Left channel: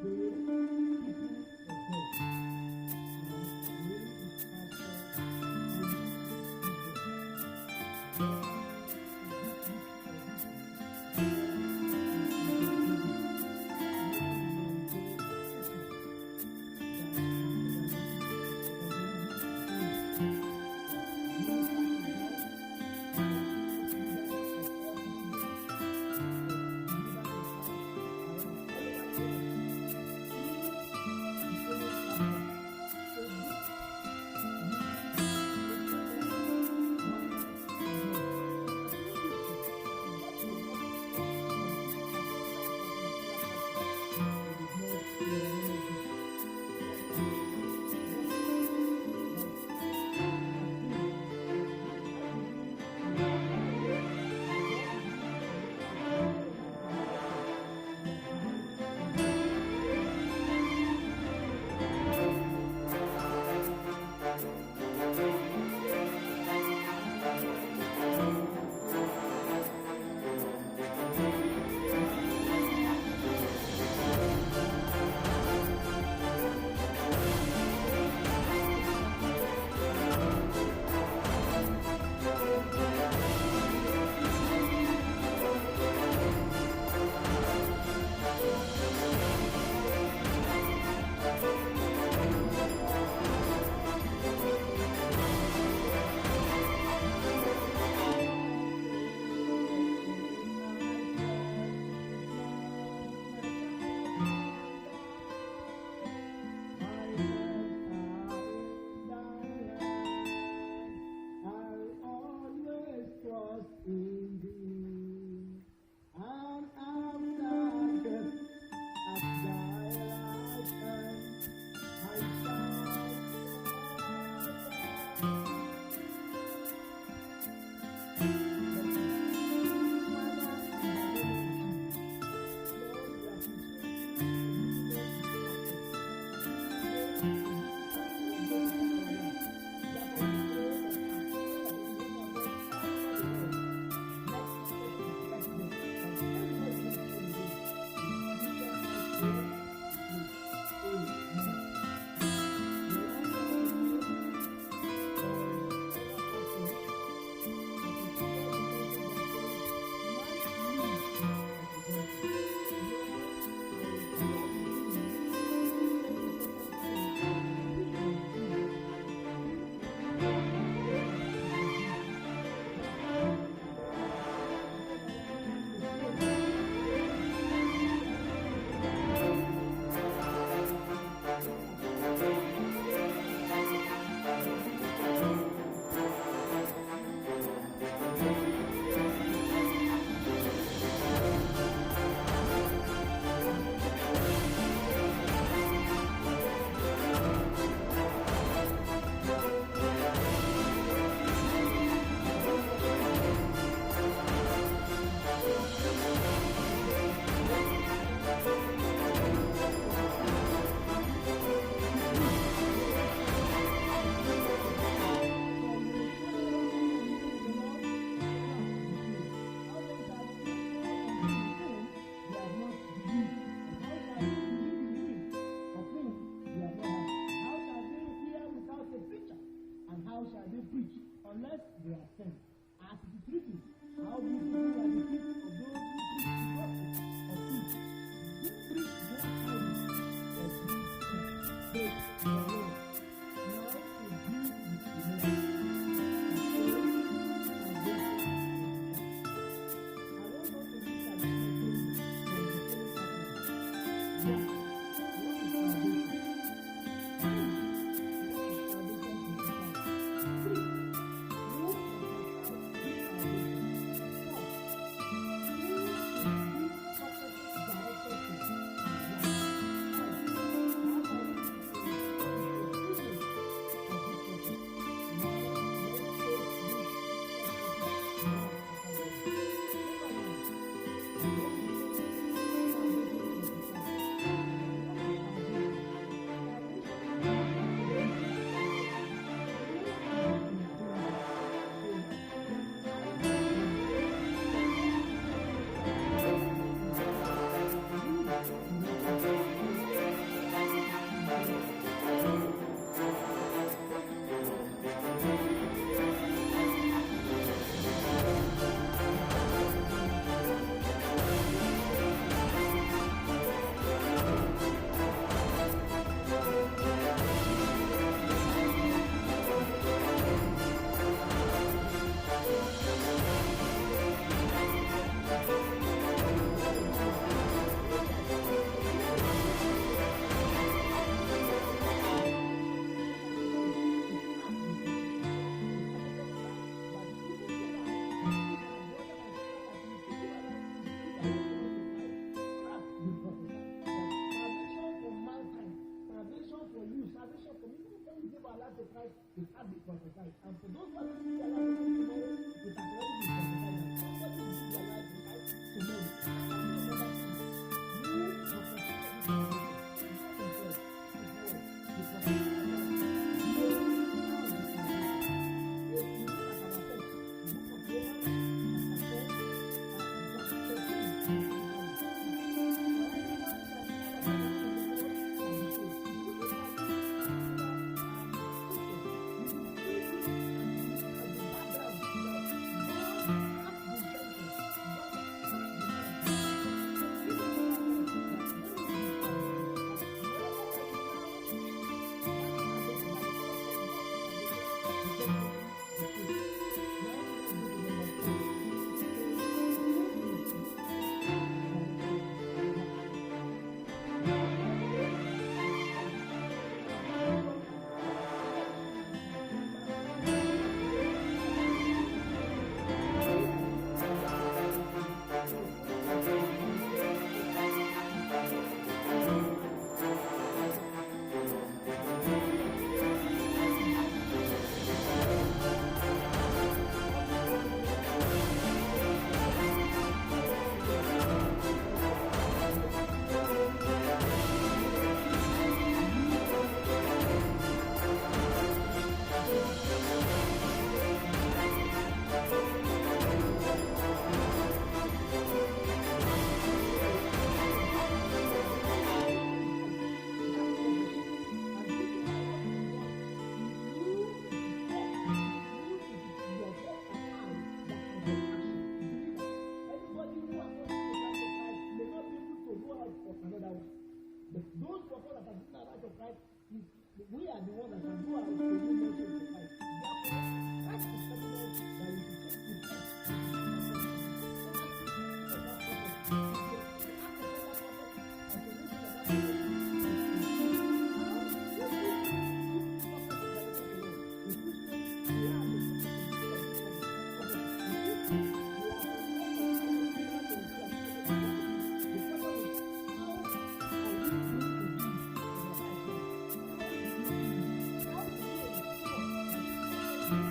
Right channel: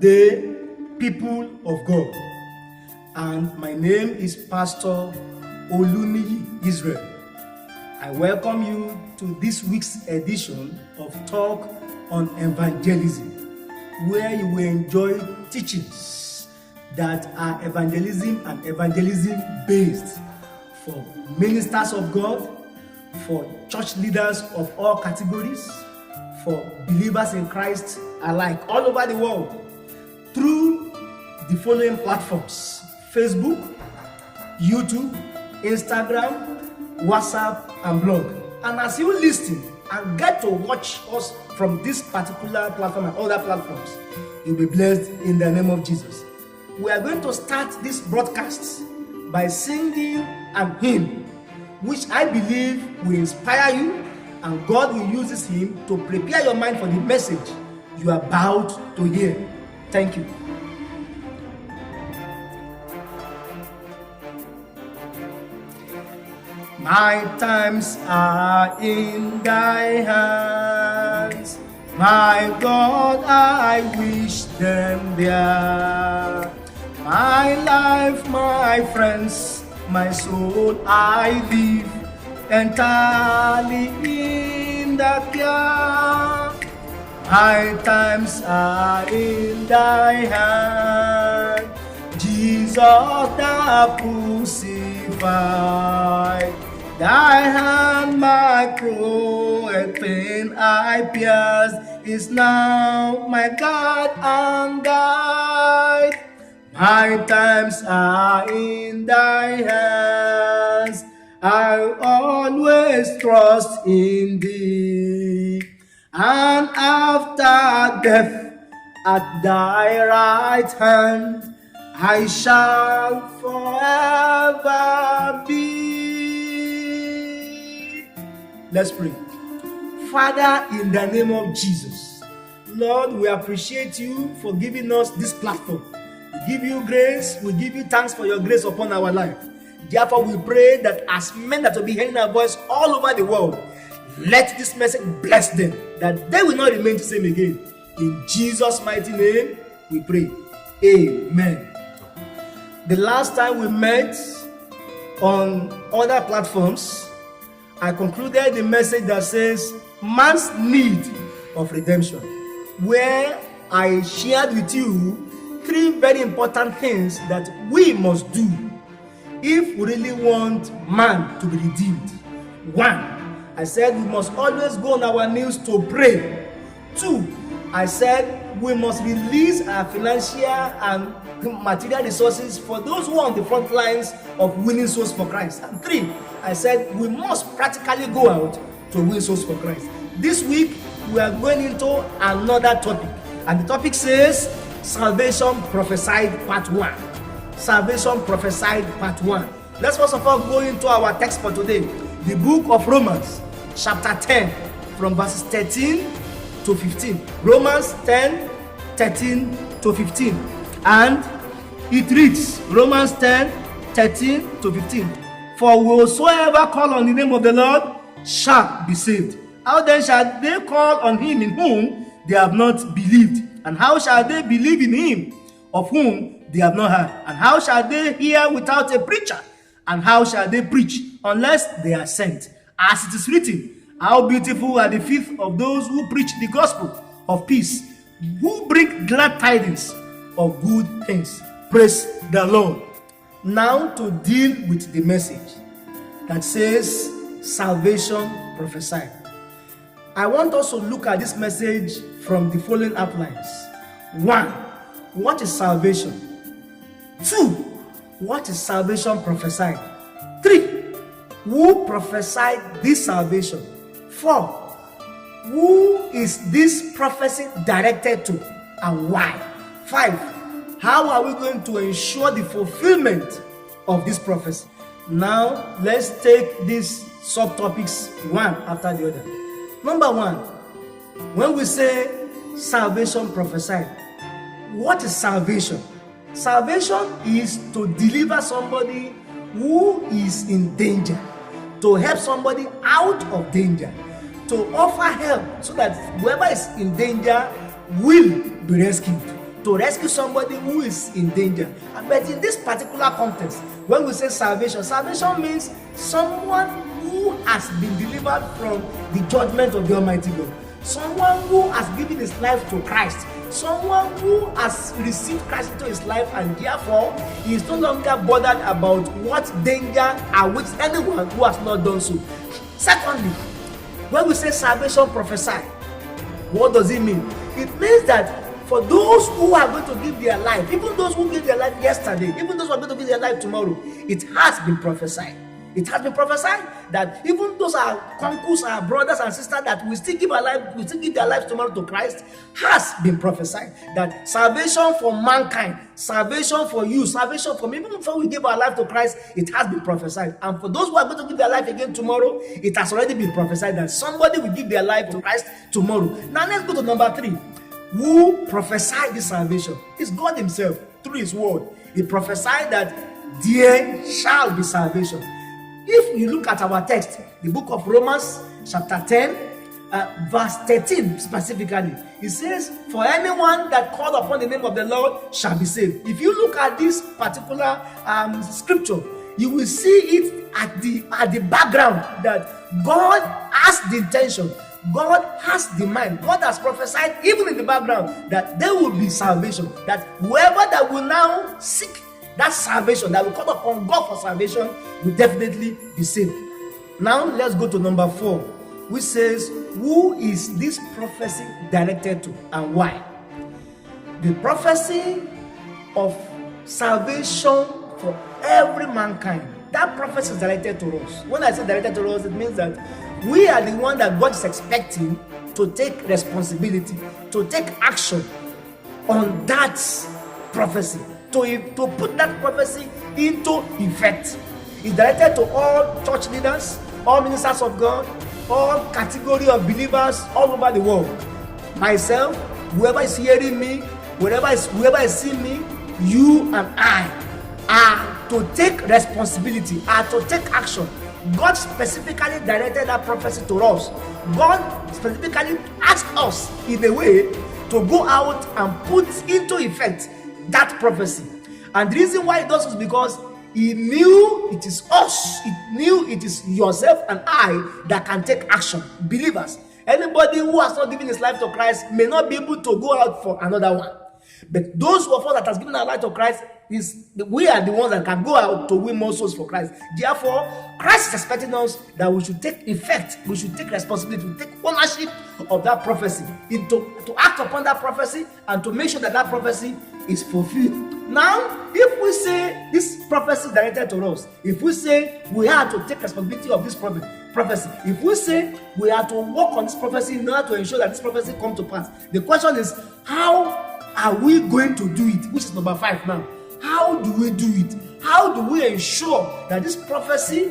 Good day, people of God. And my name is Pastor Oluniyi Israel. I welcome you to this week's edition of Talk on Evangelism, where you will enjoy teachings that are evangelism and evangelism based for ministers of God, for church leaders of all categories, for believers in Christ alike all over the world through the following platforms: Facebook, YouTube, Instagram, WhatsApp, and blog. And as you listen and get to watch us from this particular platform and other platforms, you'll be blessed in the name of Jesus. We are going to start this broadcast by singing an hymn, which I believe will inspire you, and God will use this hymn to prepare your mind for the message you are about to hear. Thank you. My times are in thy hands, my God, I wish them there. My life, my friends, my soul, I live entirely in the care. My times are in thy hand, Jesus the crucified. Thy hand my cruel pain I pierced is now my God and guide. My times are in thy hands, I always trust in thee. And after death at thy right hand, I shall forever be. Let's pray. Father, in the name of Jesus, Lord, we appreciate you for giving us this platform. We give you grace, we give you thanks for your grace upon our life. Therefore, we pray that as men that will be hearing our voice all over the world, let this message bless them, that they will not remain the same again. In Jesus' mighty name, we pray. Amen. The last time we met on other platforms, I concluded the message that says man's need of redemption, where I shared with you 3 very important things that we must do if we really want man to be redeemed. 1, I said we must always go on our knees to pray. 2, I said we must release our financial and material resources for those who are on the front lines of winning souls for Christ. And 3, I said we must practically go out to win souls for Christ. This week, we are going into another topic. And the topic says, Salvation Prophesied Part 1. Salvation Prophesied Part 1. Let's first of all go into our text for today. The book of Romans, chapter 10, from verses 13 to 15. Romans 10, 13 to 15. And it reads, Romans 10, 13 to 15. For whosoever call on the name of the Lord shall be saved. How then shall they call on him in whom they have not believed? And how shall they believe in him of whom they have not heard? And how shall they hear without a preacher? And how shall they preach unless they are sent? As it is written, how beautiful are the feet of those who preach the gospel of peace, who bring glad tidings of good things. Praise the Lord. Now to deal with the message that says salvation prophesied. I want us to look at this message from the following outlines. 1, what is salvation? 2, what is salvation prophesied? 3, who prophesied this salvation? 4, who is this prophecy directed to and why? 5, how are we going to ensure the fulfillment of this prophecy? Now, let's take these subtopics one after the other. Number 1, when we say salvation prophesied, what is salvation? Salvation is to deliver somebody who is in danger, to help somebody out of danger, to offer help so that whoever is in danger will be rescued. to rescue somebody who is in danger. But in this particular context, when we say salvation, salvation means someone who has been delivered from the judgment of the Almighty God. Someone who has given his life to Christ. Someone who has received Christ into his life, and therefore he is no longer bothered about what danger awaits anyone who has not done so. Secondly, when we say salvation prophesy, what does it mean? It means that for those who are going to give their life, even those who gave their life yesterday, even those who are going to give their life tomorrow, it has been prophesied. It has been prophesied that even those are uncles, our brothers and sisters that will still give their lives tomorrow to Christ, has been prophesied. That salvation for mankind, salvation for you, salvation for me, even before we give our life to Christ, it has been prophesied. And for those who are going to give their life again tomorrow, it has already been prophesied that somebody will give their life to Christ tomorrow. Now let's go to number 3. Who prophesied this salvation? It's God himself through his word. He prophesied that there shall be salvation. If you look at our text, the book of Romans chapter 10, verse 13 specifically, it says, for anyone that called upon the name of the Lord shall be saved. If you look at this particular scripture, you will see it at the background that God has the intention, God has the mind, God has prophesied even in the background that there will be salvation, that whoever that will now seek that salvation, that will call upon God for salvation, will definitely be saved. Now let's go to number 4, which says, who is this prophecy directed to and why? The prophecy of salvation for every mankind, that prophecy is directed to us. When I say directed to us, it means that we are the one that God is expecting to take responsibility, to take action on that prophecy, to put that prophecy into effect. It's directed to all church leaders, all ministers of God, all category of believers all over the world. Myself, whoever is hearing me, whoever is seeing me, you and I are to take responsibility, are to take action. God specifically directed that prophecy to us. God specifically asked us in a way to go out and put into effect that prophecy. And the reason why it does is because he knew it is us, he knew it is yourself and I that can take action. Believers, anybody who has not given his life to Christ may not be able to go out for another one. But those of us that has given our life to Christ, we are the ones that can go out to win more souls for Christ. Therefore, Christ is expecting us that we should take effect, we should take responsibility, take ownership of that prophecy, to act upon that prophecy and to make sure that that prophecy is fulfilled. Now, if we say this prophecy is directed to us, if we say we have to take responsibility of this prophecy, if we say we have to work on this prophecy in order to ensure that this prophecy comes to pass, the question is, how are we going to do it? Which is number 5 now. How do we do it? How do we ensure that this prophecy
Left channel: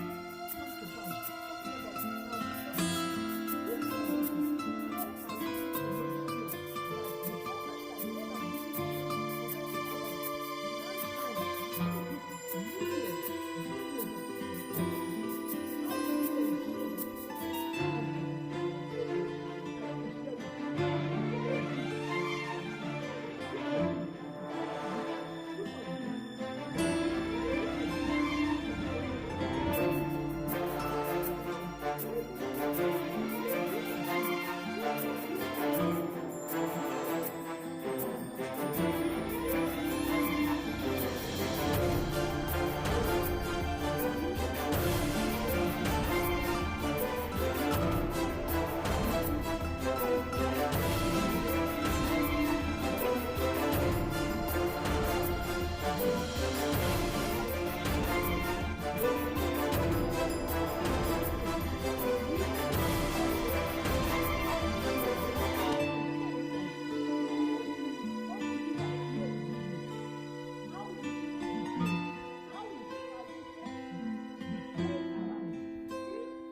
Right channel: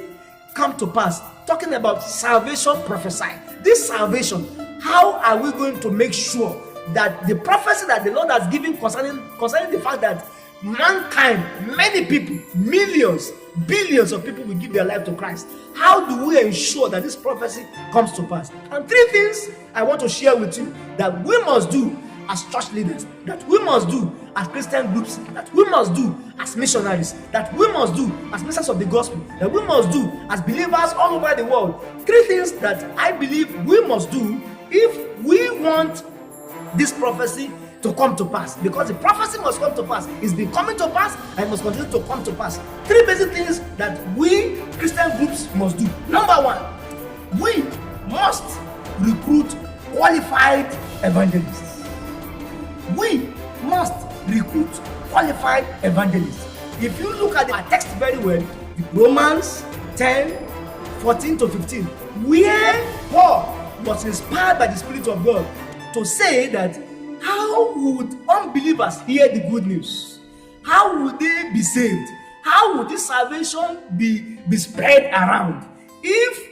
come to pass? Talking about salvation prophesied. This salvation, how are we going to make sure that the prophecy that the Lord has given concerning the fact that mankind, many people, millions, billions of people will give their life to Christ, how do we ensure that this prophecy comes to pass? And 3 things I want to share with you that we must do as church leaders, that we must do as Christian groups, that we must do as missionaries, that we must do as ministers of the gospel, that we must do as believers all over the world. 3 things that I believe we must do if we want this prophecy to come to pass, because the prophecy must come to pass. It's been coming to pass and it must continue to come to pass. 3 basic things that we Christian groups must do. Number 1, we must recruit qualified evangelists. We must recruit qualified evangelists. If you look at our text very well, Romans 10, 14 to 15, where Paul was inspired by the Spirit of God to say that how would unbelievers hear the good news? How would they be saved? How would this salvation be spread around? If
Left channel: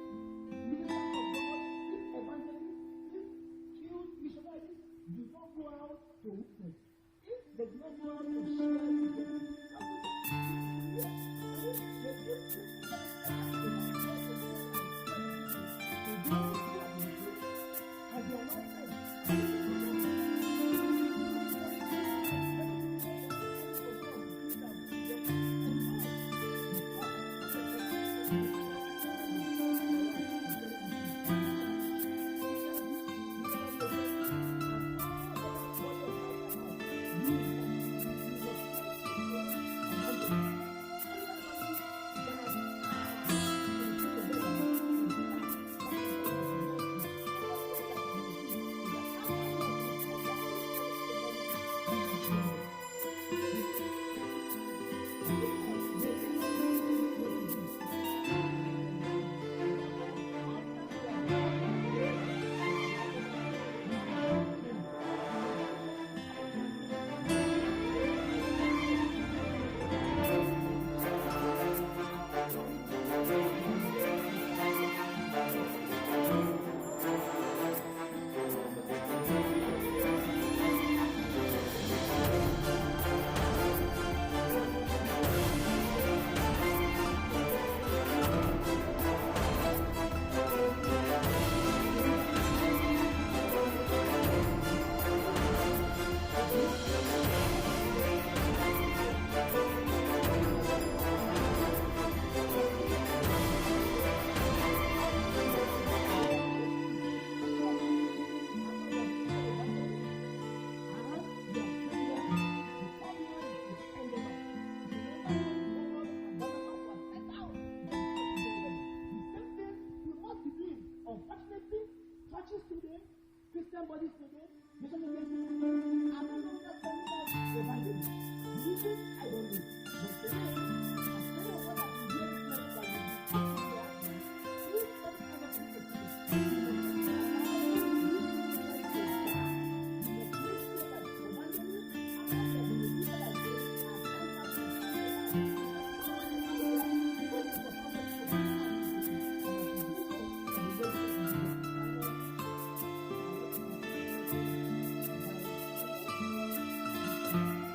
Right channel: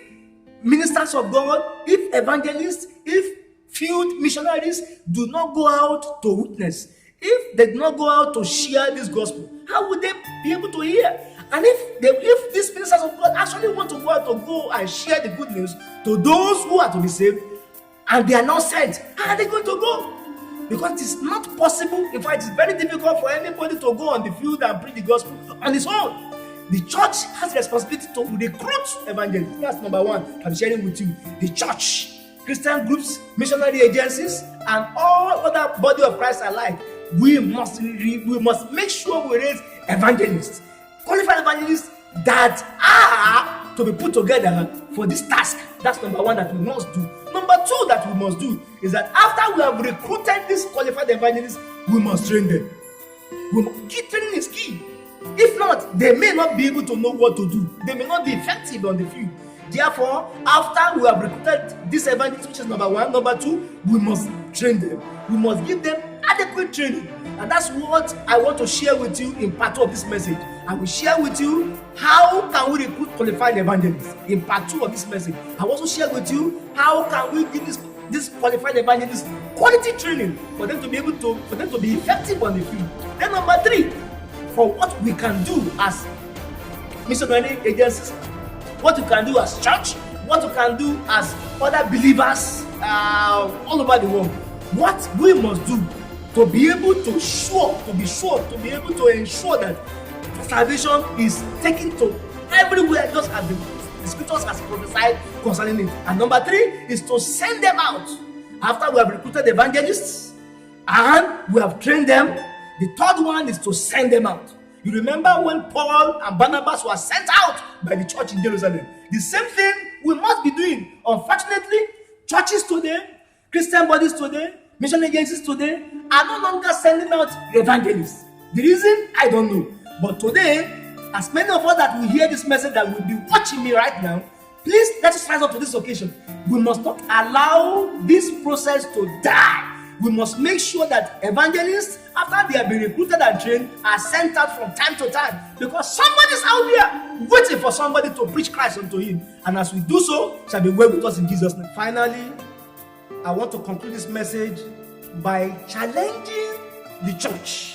ministers of God, if evangelists, if field missionaries do not go out to witness, if they do not go out to share this gospel, how would they be able to hear? And if these ministers of God actually want to go and share the good news to those who are to be saved, and they are not sent, how are they going to go? Because it is not possible. In fact, it's very difficult for anybody to go on the field and preach the gospel on his own. The church has the responsibility to recruit evangelists. That's number one I'm sharing with you. The church, Christian groups, missionary agencies, and all other body of Christ alike. We must make sure we raise evangelists, qualified evangelists that are to be put together for this task. That's number one that we must do. Number two that we must do is that after we have recruited these qualified evangelists, we must train them. Training is key. If not, they may not be able to know what to do. They may not be effective on the field. Therefore, after we have recruited these evangelists, which is number one, number two, we must train them. We must give them adequate training. And that's what I want to share with you in part two of this message. I will share with you how can we recruit qualified evangelists in part two of this message. I will also share with you how can we give this qualified evangelists quality training for them to be able to, for them to be effective on the field. Then number three, for what we can do as missionary agencies, what we can do as church, what we can do as other believers all over the world. What we must do to be able to be able to ensure that salvation is taken to everywhere, just as the scriptures has prophesied concerning it. And number three is to send them out. After we have recruited evangelists and we have trained them, the third one is to send them out. You remember when Paul and Barnabas were sent out by the church in Jerusalem? The same thing we must be doing. Unfortunately, churches today, Christian bodies today, mission agencies today are no longer sending out evangelists. The reason, I don't know. But today, as many of us that will hear this message, that will be watching me right now, please let us rise up to this occasion. We must not allow this process to die. We must make sure that evangelists, after they have been recruited and trained, are sent out from time to time, because somebody is out there waiting for somebody to preach Christ unto him. And as we do so, shall be well with us in Jesus' name. Finally, I want to conclude this message by challenging the church,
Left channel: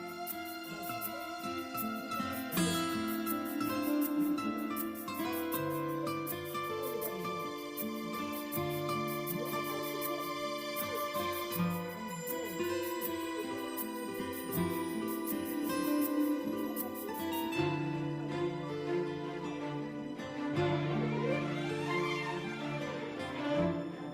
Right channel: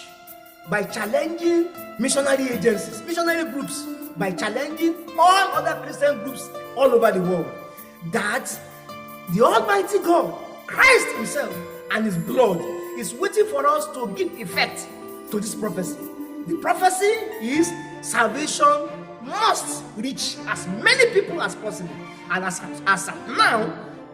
by challenging missionary agencies, missionary groups, by challenging all other Christian groups all over the world, that the Almighty God, Christ himself and his blood, is waiting for us to give effect to this prophecy. The prophecy is salvation must reach as many people as possible. And as now,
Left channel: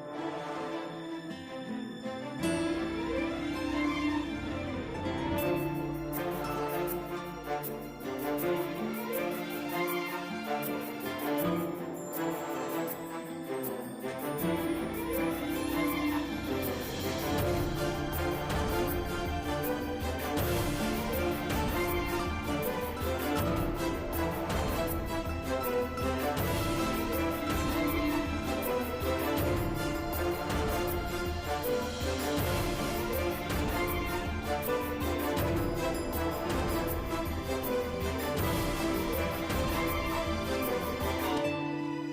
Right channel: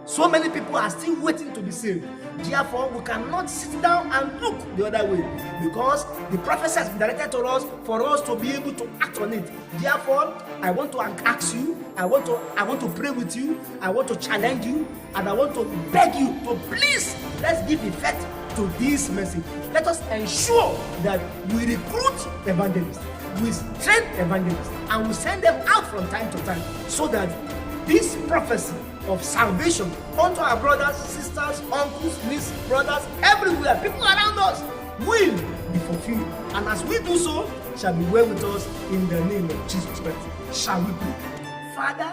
so many people are still waiting to be saved. Therefore, we cannot sit down and look the other way, because the prophecy has been directed to us for us to be able to act on it. Therefore, I want to ask you, I want to pray with you, I want to challenge you, and I want to beg you to please, let's give effect to this message. Let us ensure that we recruit evangelists, we train evangelists, and we send them out from time to time, so that this prophecy of salvation unto our brothers, sisters, uncles, nieces, brothers, everywhere, people around us, will be fulfilled. And as we do so, shall be well with us in the name of Jesus Christ. Shall we pray? Father,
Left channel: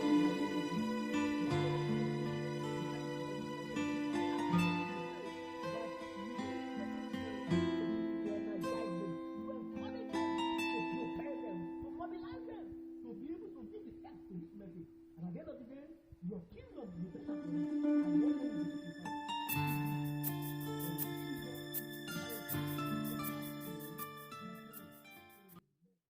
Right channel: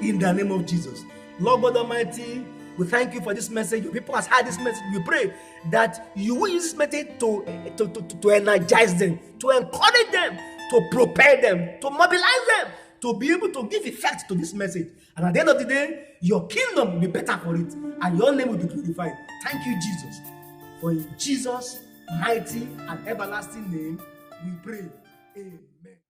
in the name of Jesus, Lord God Almighty, we thank you for this message. People has heard this message. We pray that you will use this message to energize them, to encourage them, to prepare them, to mobilize them, to be able to give effect to this message. And at the end of the day, your kingdom will be better for it, and your name will be glorified. Thank you, Jesus. For in Jesus' mighty and everlasting name, we pray. Amen.